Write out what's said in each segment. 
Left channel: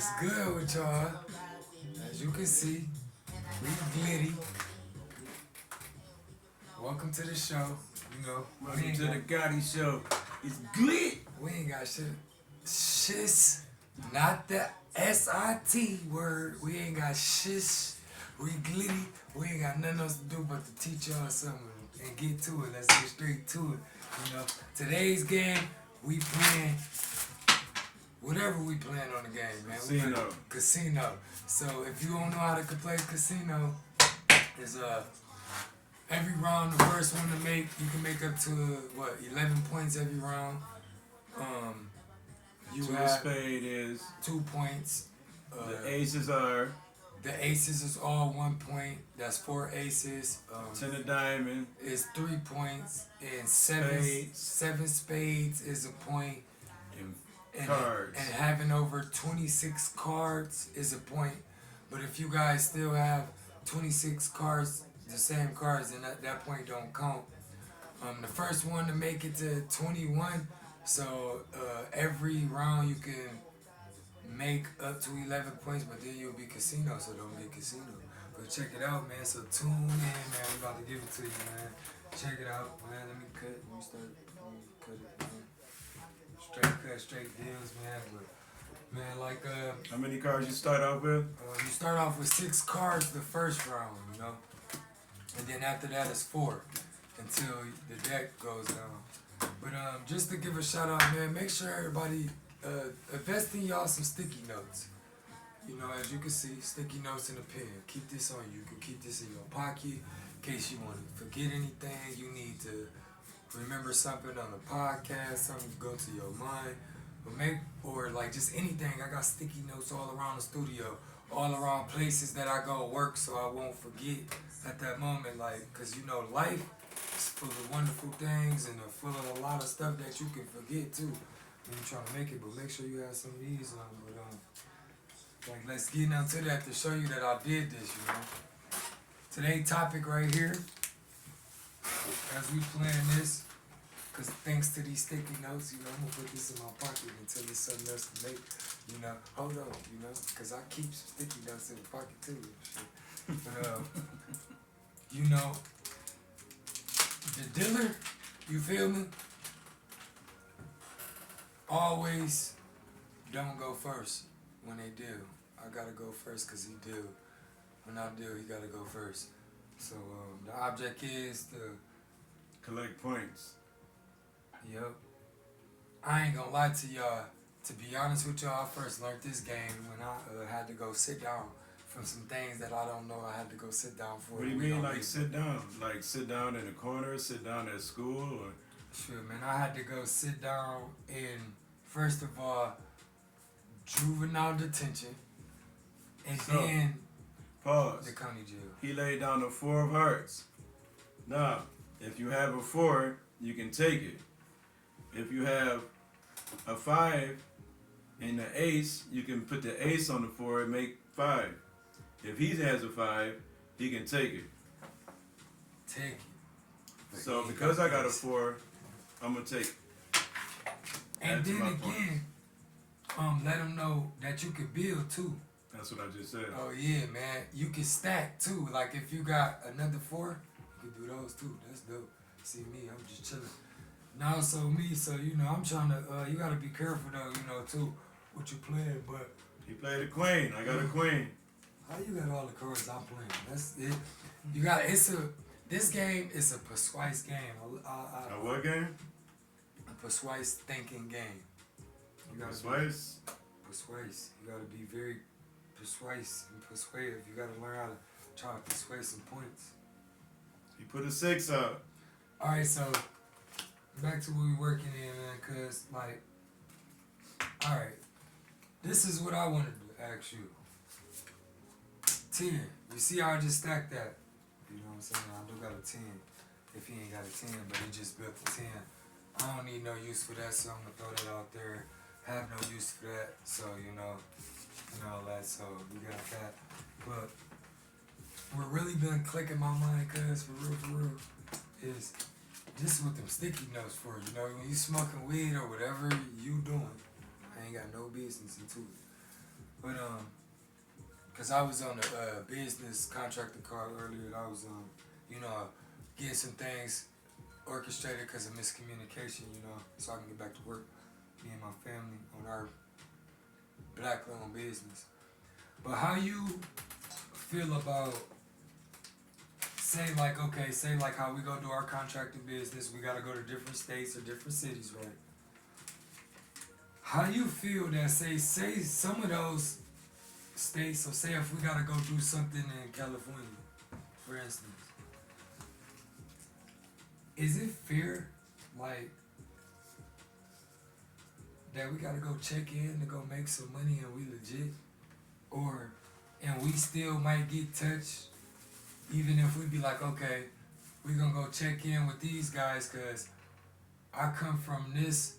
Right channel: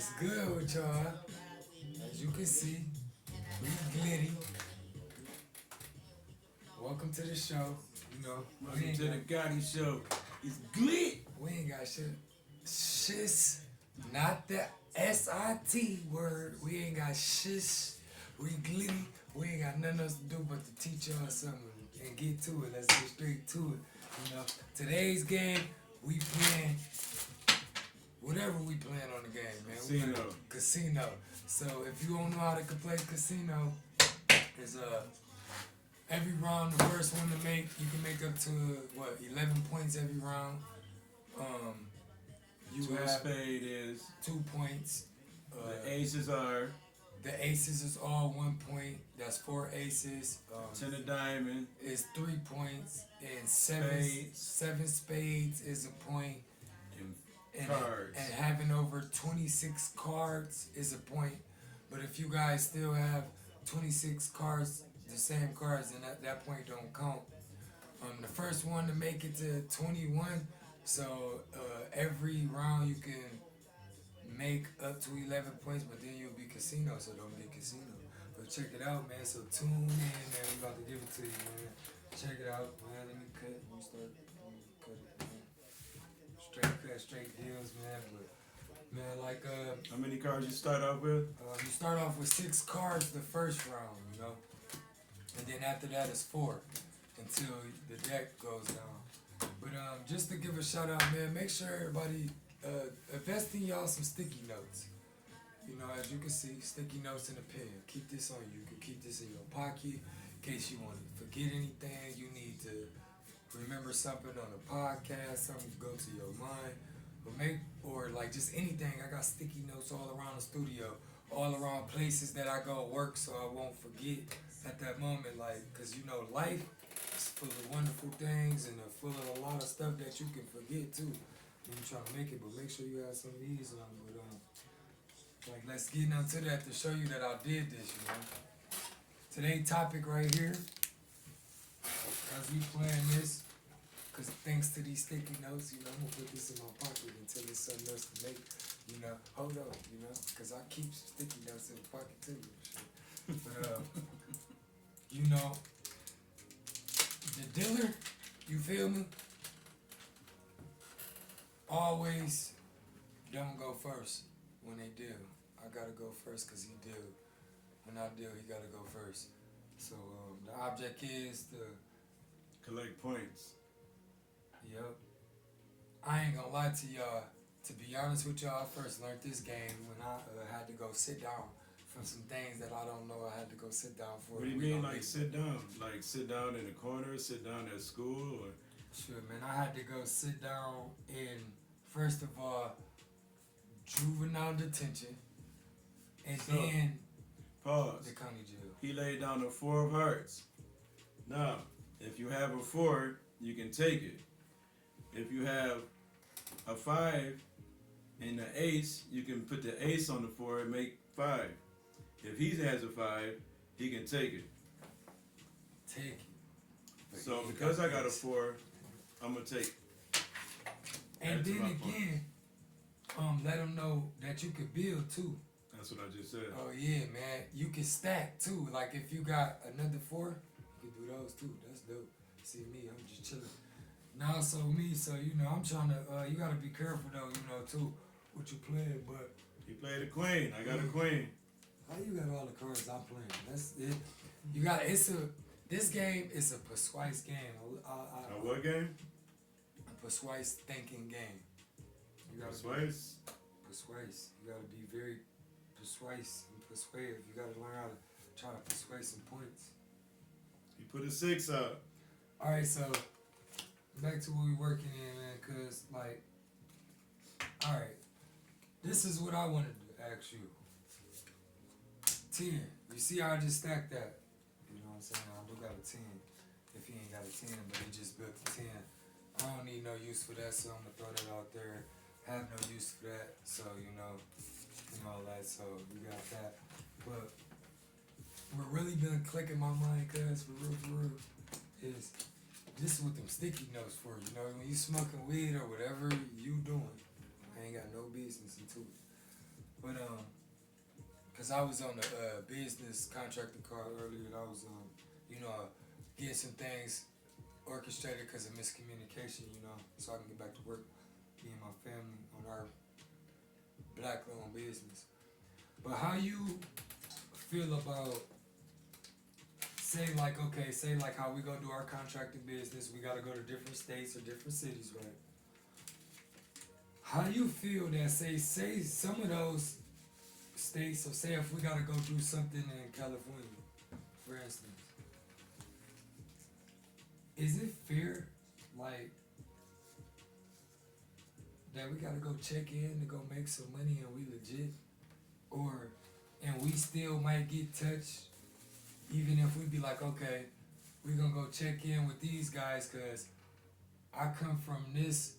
What's good with y'all? As you can see, we Glitty. Welcome to the show. You know, Welcome to the GODDY show. It's Glit. we ain't got shit. Shiz, not the S-I-T word. We ain't got shiz. We Glitty. We ain't got nothing else to do but to teach y'all something and get to it. Let's get straight to it. You know, today's game, we playing whatever we playing on the game, man. We Casino. playing casino. So if you don't know how to play casino, is every round the first one to make, you can make up to 11 points every round. You Two have spade is 2 points. the aces are The aces is all 1 point. That's 4 aces. ten of diamond. Is 3 points, and Spades. seven spades is a point. And cards. And having over 26 cards is a point. But if you guys still have 26 cards, the same cards, then that point don't count. The first one to make it to 21. So every round you can make up to 11 points, but then you'll be casino, so don't be casino. But check it out, man. So tune in, man. I'm about to give it to you, man. Check it out, man. Let me cut it, man. Straight deals, man. But, man, like How many cards you start off with? you start off with 6 cards the first round, you know, and then after that it's 4 until the deck goes down. But just to give a shout out, man, make sure everybody invest in y'all some sticky notes. You know, as you can see, sticky notes in a pen. Keep this on you. You can keep this in your pocket in case you want to forget anything. You need to remember something on the podcast, something go to your mind, or like just anything. I got sticky notes all around the studio, all around places that I go work, so I won't forget at that moment. Like, cause you know, life is full of wonderful things and full of a lot of stuff that you can forget too when you try to make it. But make sure you have some of these on. But like, let's get into that to show you that I did this. You know, today's topic right here, as we playing this. Cause thanks to these sticky notes, you know, I'm gonna put this in my pocket until there's something else to make. You know, hold on, you know, cause I keep sticky notes in the pocket too. But you know, the dealer, you feel me? Always don't go first when they deal. I gotta go first cause he deal. When I deal, he gotta go first. So the object is to Collect points. Yep. I ain't gonna lie to y'all. To be honest with y'all, I first learned this game when I had to go sit down from some things that I don't know. I had to go sit down for. What do you mean, like sit down? Like sit down in a corner, sit down at school, or? Sure, man. I had to go sit down in, first of all, juvenile detention, and So, then Pause. the county jail. He laid down a 4 of hearts. Now, if you have a 4, you can take it. If you have a 5 and the ace, you can put the ace on the 4 and make 5. If he has a 5, he can take it. Take it. But So he because I got a this. 4, I'm gonna take it. And Add to then my again, let them know that you can build too. That's what I just said. Oh yeah, man. You can stack too. Like if you got another 4, you can do those too. That's dope. See me, I'm just chilling. Now so you know, I'm trying to you gotta be careful though, you know, too, what you playing, but He played a queen. I got a queen. how you got all the cards I'm playing? That's it. You got this game is a persuasive game. A what game? A persuasive thinking game. You gotta Twice. persuasive. You gotta be very persuasive and persuasive. You gotta learn how to try to persuade some points. He put a 6 out. Alright, so back to what we working in, man, cause like, alright, this is what I wanted to ask you. 10. You see how I just stacked that? You know what I'm saying? I do got a 10. If he ain't got a 10, but he just built a 10. I don't need no use for that, so I'm gonna throw that out there. Have no use for that, so you know all that, so we got that. But what really been clicking my mind, cuz for real, is this is what them sticky notes for. You know, when you smoking weed or whatever you doing, I ain't got no business into it. But cause I was on the business contractor call earlier. I was getting some things orchestrated because of miscommunication. So I can get back to work. Me and my family on our black-owned business. But how you feel about say like how we go do our contracting business, we gotta go to different states or different cities, right? How you feel that say some of those states, so say if we gotta go do something in California, for instance, is it fair like that we gotta go check in to go make some money and we legit? Or and we still might get touched even if we be like, okay, we gonna go check in with these guys cause I come from this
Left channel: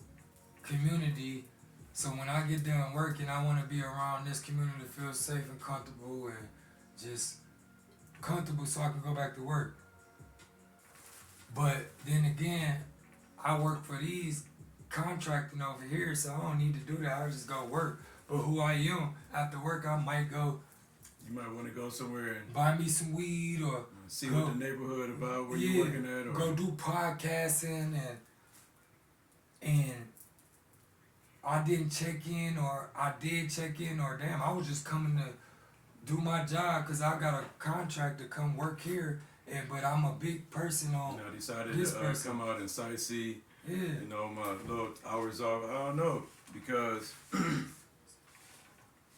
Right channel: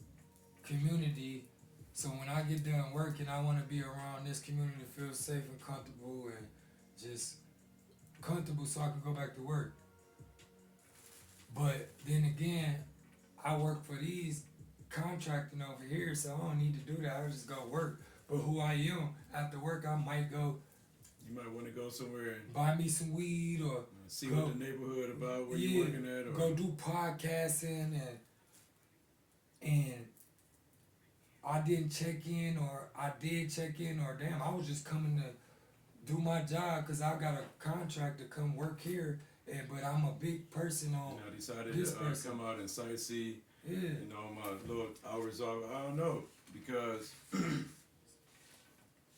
community, so when I get done working I wanna be around this community to feel safe and comfortable and just comfortable so I can go back to work. But then again, I work for these contracting over here, so I don't need to do that. I just go work. But who I am after work, I might go. You might want to go somewhere and buy me some weed or see what the neighborhood about where you're working at, or go do podcasting and I didn't check in, or I did check in, or damn, I was just coming to do my job because I got a contract to come work here, but I'm a big person on decided this to person. come out and sightsee. Yeah. My little hours off. I don't know because.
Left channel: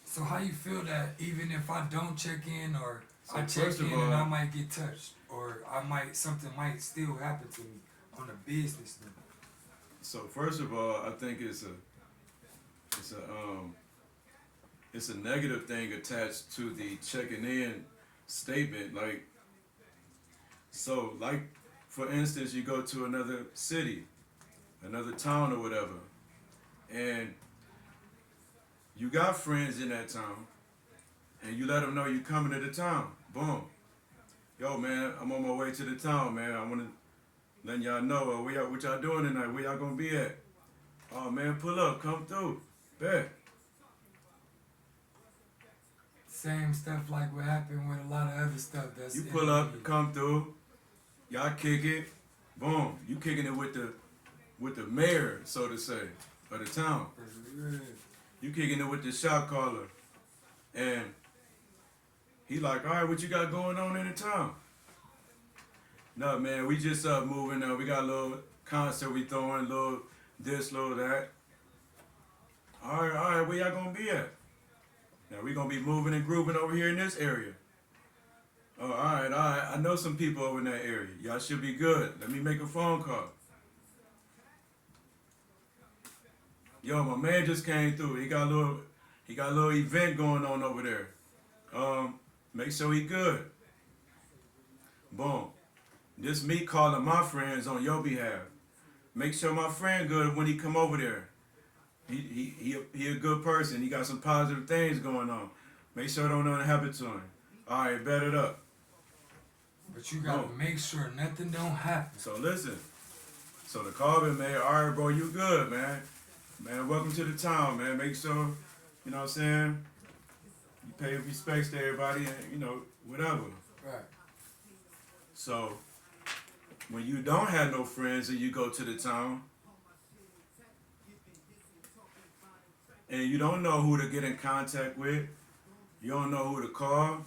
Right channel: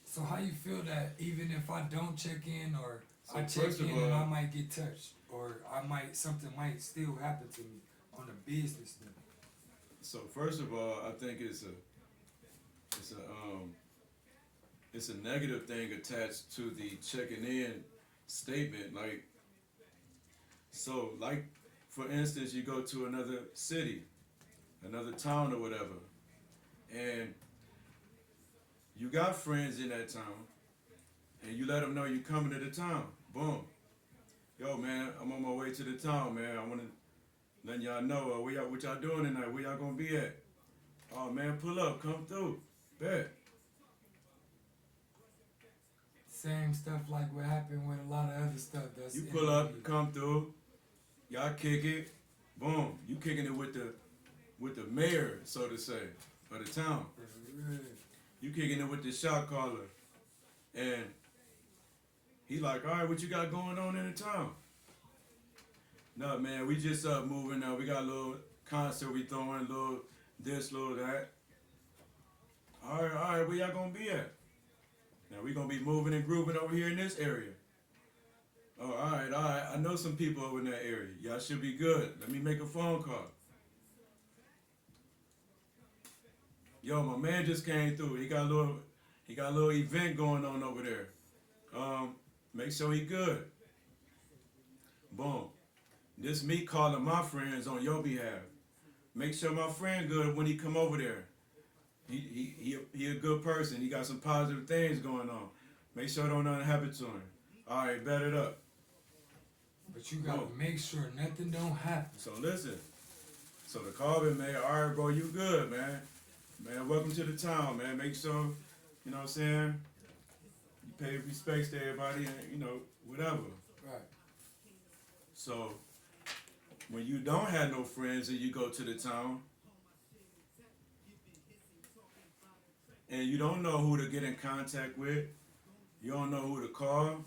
So how you feel that even if I don't check in or So I check first of in all- and I might get touched or something might still happen to me on a business now? So first of all, I think it's a negative thing attached to the checking in statement. Like for instance, you go to another city, another town or whatever, and you got friends in that town, and you let them know you coming to the town. Boom. Yo, man, I'm on my way to the town, man. I want to let y'all know what y'all doing tonight. Where y'all gonna be at? Oh, man, pull up, come through. Bet. Same stuff like what happened with a lot of other stuff. That's You pull up, come through. Y'all kick it. Boom. You kicking it with the mayor, so to say, of the town. You kicking it with the shot caller, and he like, all right, what you got going on in the town? No, man, we just moving now. We got a little concert we throwing, little this, little that. All right, where y'all gonna be at? Now we gonna be moving and grooving over here in this area. Oh, all right. I know some people over in that area. Y'all should be good. Let me make a phone call. Yo, my man just came through. He got a little event going on over there. Make sure he good. Boom. This me calling my friends on your behalf. Make sure my friend good when he come over there. He a good person. He got some positive things going on. Make sure don't nothing happen to him. All right, bet it up. But you gotta make sure nothing don't happen. So listen. So the call been made. All right, bro, you good, man. Man, welcome to the town, man. Make sure, you know what I'm saying, you pay respects to everybody and, whatever. Right. So, when you don't have no friends and you go to the town, and you don't know who to get in contact with, you don't know who to call,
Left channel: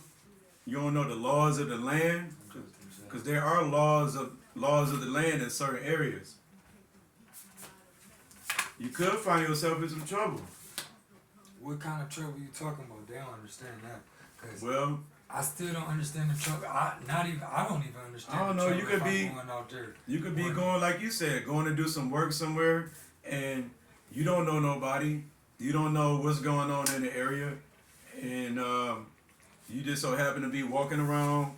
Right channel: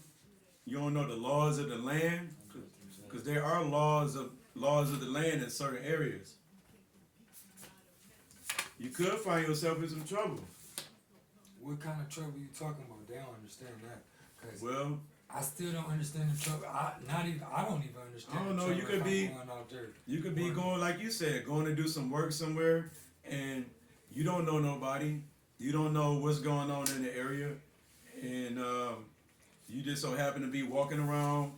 you don't know the laws of the land, because there are laws of the land in certain areas. You could find yourself in some trouble. What kind of trouble you talking about? They don't understand that. 'Cause Well, I still don't understand the trouble. I don't even understand. I don't know. The You trouble could if be I'm going out there. You could be going, like you said, going to do some work somewhere, and you don't know nobody. You don't know what's going on in the area, and you just so happen to be walking around,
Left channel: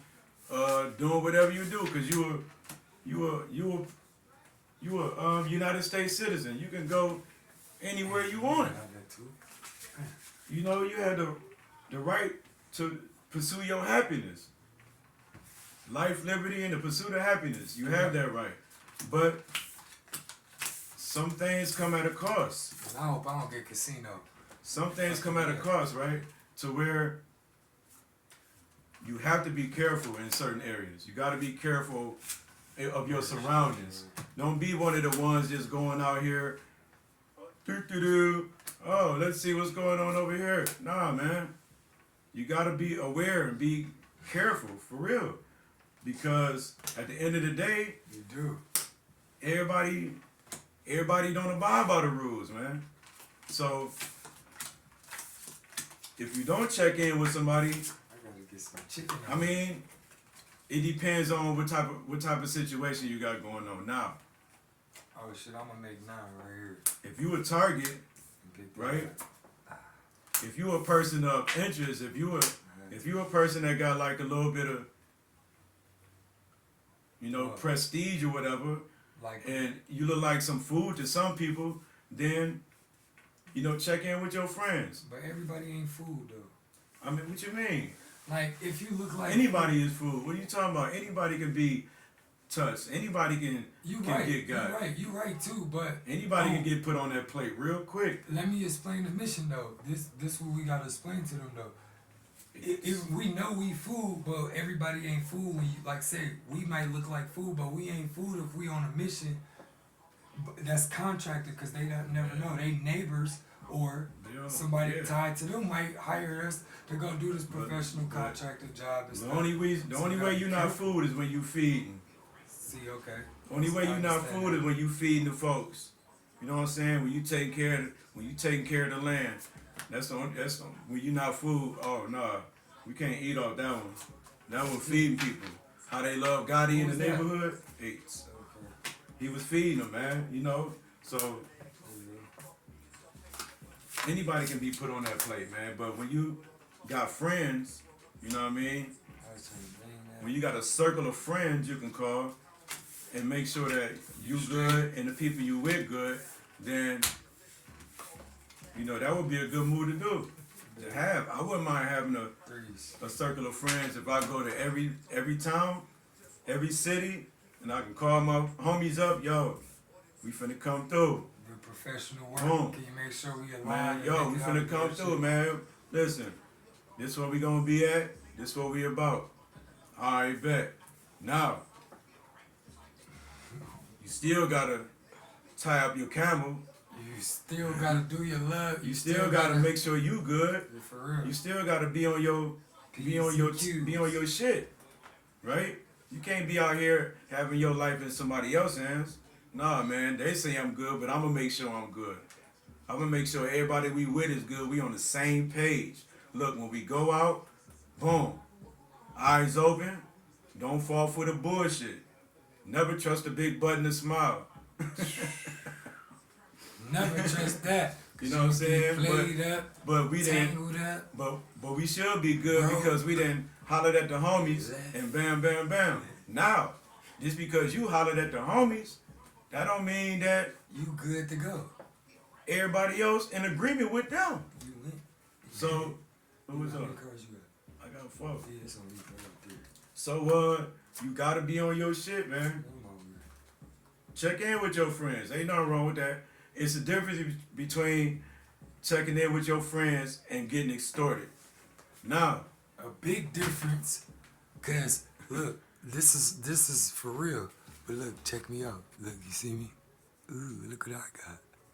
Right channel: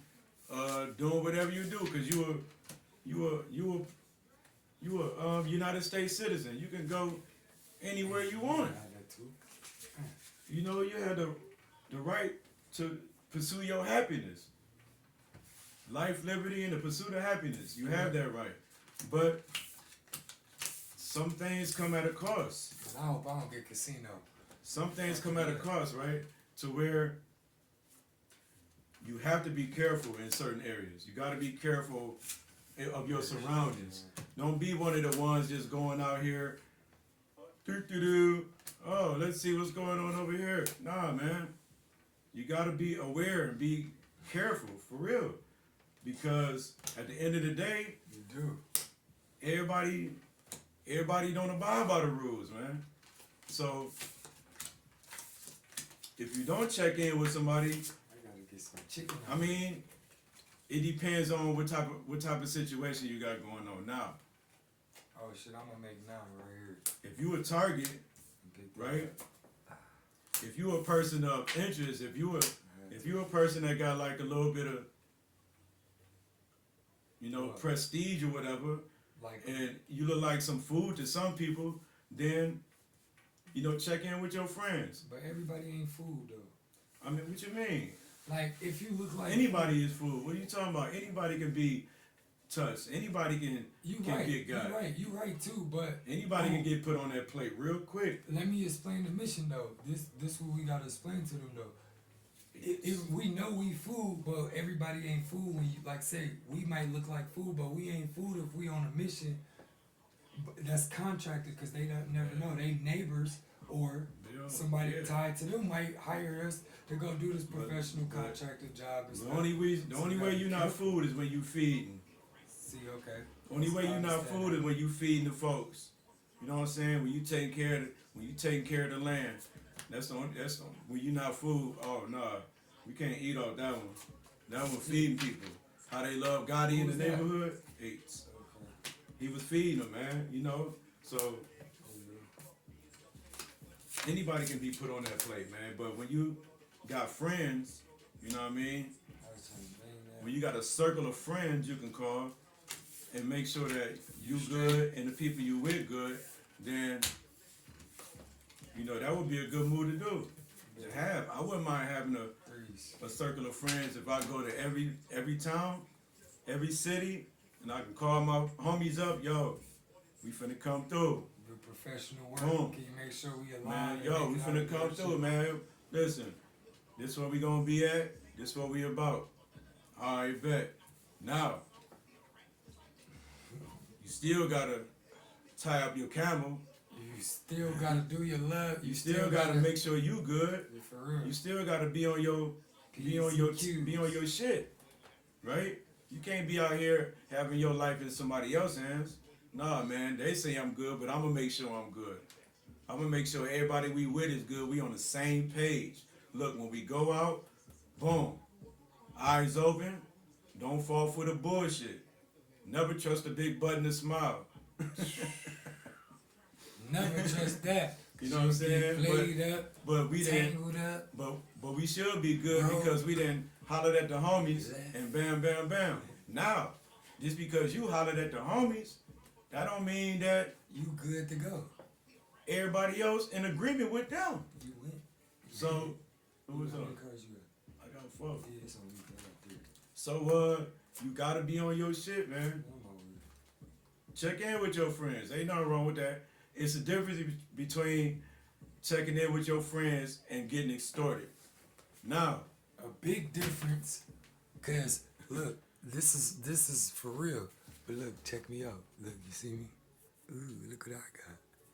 doing whatever you do, because you a United States citizen. You can go anywhere you want. You have the right to pursue your happiness. Life, liberty, and the pursuit of happiness. You have that right. But some things come at a cost. But I hope I don't get casino. some things come at a cost, right? To where you have to be careful in certain areas. You got to be careful of your surroundings. Don't be one of the ones just going out here. Oh, let's see what's going on over here. Nah, man. You got to be aware and be careful for real, because at the end of the day, You do. everybody don't abide by the rules, man. So if you don't check in with somebody, I gotta get some chicken. I mean, it depends on what type of situation you got going on. Now, Oh shit, I'm gonna make 9 right here. if you a target, Get that. right? If you a person of interest, if you a person that got like a little bit of, What? prestige or whatever, Like, and you look like some food to some people, then, check in with your friends. but everybody ain't food though. I mean, what you mean? Like, if you look like Anybody is food. What are you talking about? Anybody can be touched. Anybody can right. get got. You right too. But Anybody can get put on that plate real quick. let me explain the mission though. This what we gotta explain to them though. If we know we food, but everybody ain't food. When you like say we might look like food, but we ain't food if we on a mission. That's contracted because they don't never know. They neighbors or somebody tied to them might hire us to go do this professional contracted job. And The stuff. only way you're not food is when you feeding. See, okay. The only way I you're not understand food that. is when you feeding the folks. You know what I'm saying? When you taking care of the land. That's when you not food. Oh nah, we can't eat off that one. Now we're feeding people. How they love GODDY in Who's the that? neighborhood. He was feeding them, man. So anybody can be put on that plate, man. But when you got friends, you know what I mean? When you got a circle of friends you can call and make sure that you good and the people you with good, then that would be a good move to do. To have. I wouldn't mind having a circle of friends if I go to every town, every city, and I can call my homies up, yo, we finna come through. The professional work. Boom. Can you make sure we Man, align? yo, we finna come through, man. Listen, this where we gonna be at, this what we about. Alright, bet. Now, you still gotta tie up your camel. You still gotta do your love. You still gotta make sure you good. Yeah, for real. You still gotta be on your shit, right? You can't be out here having your life in somebody else's hands. Nah, man. They say I'm good, but I'm gonna make sure I'm good. I'm gonna make sure everybody we with is good. We on the same page. Look, when we go out, boom, eyes open. Don't fall for the bullshit. Never trust a big butt and a smile. Never trust that. You know what I'm saying? Played up, But we didn't. tangled up. But we should be good because we didn't hollered at the homies and bam, bam, bam. Now, just because you hollered at the homies, that don't mean that You good to go. everybody else in agreement with them. You went. So, what was How up? many cards you got? I got 4. Yeah, it's on me. I got 3. So, you gotta be on your shit, man. I'm over here. Check in with your friends. Ain't nothing wrong with that. It's the difference between checking in with your friends and getting extorted. Now, A big difference, cause look, this is for real. But look, check me out. Look, you see me? Ooh, look what I got.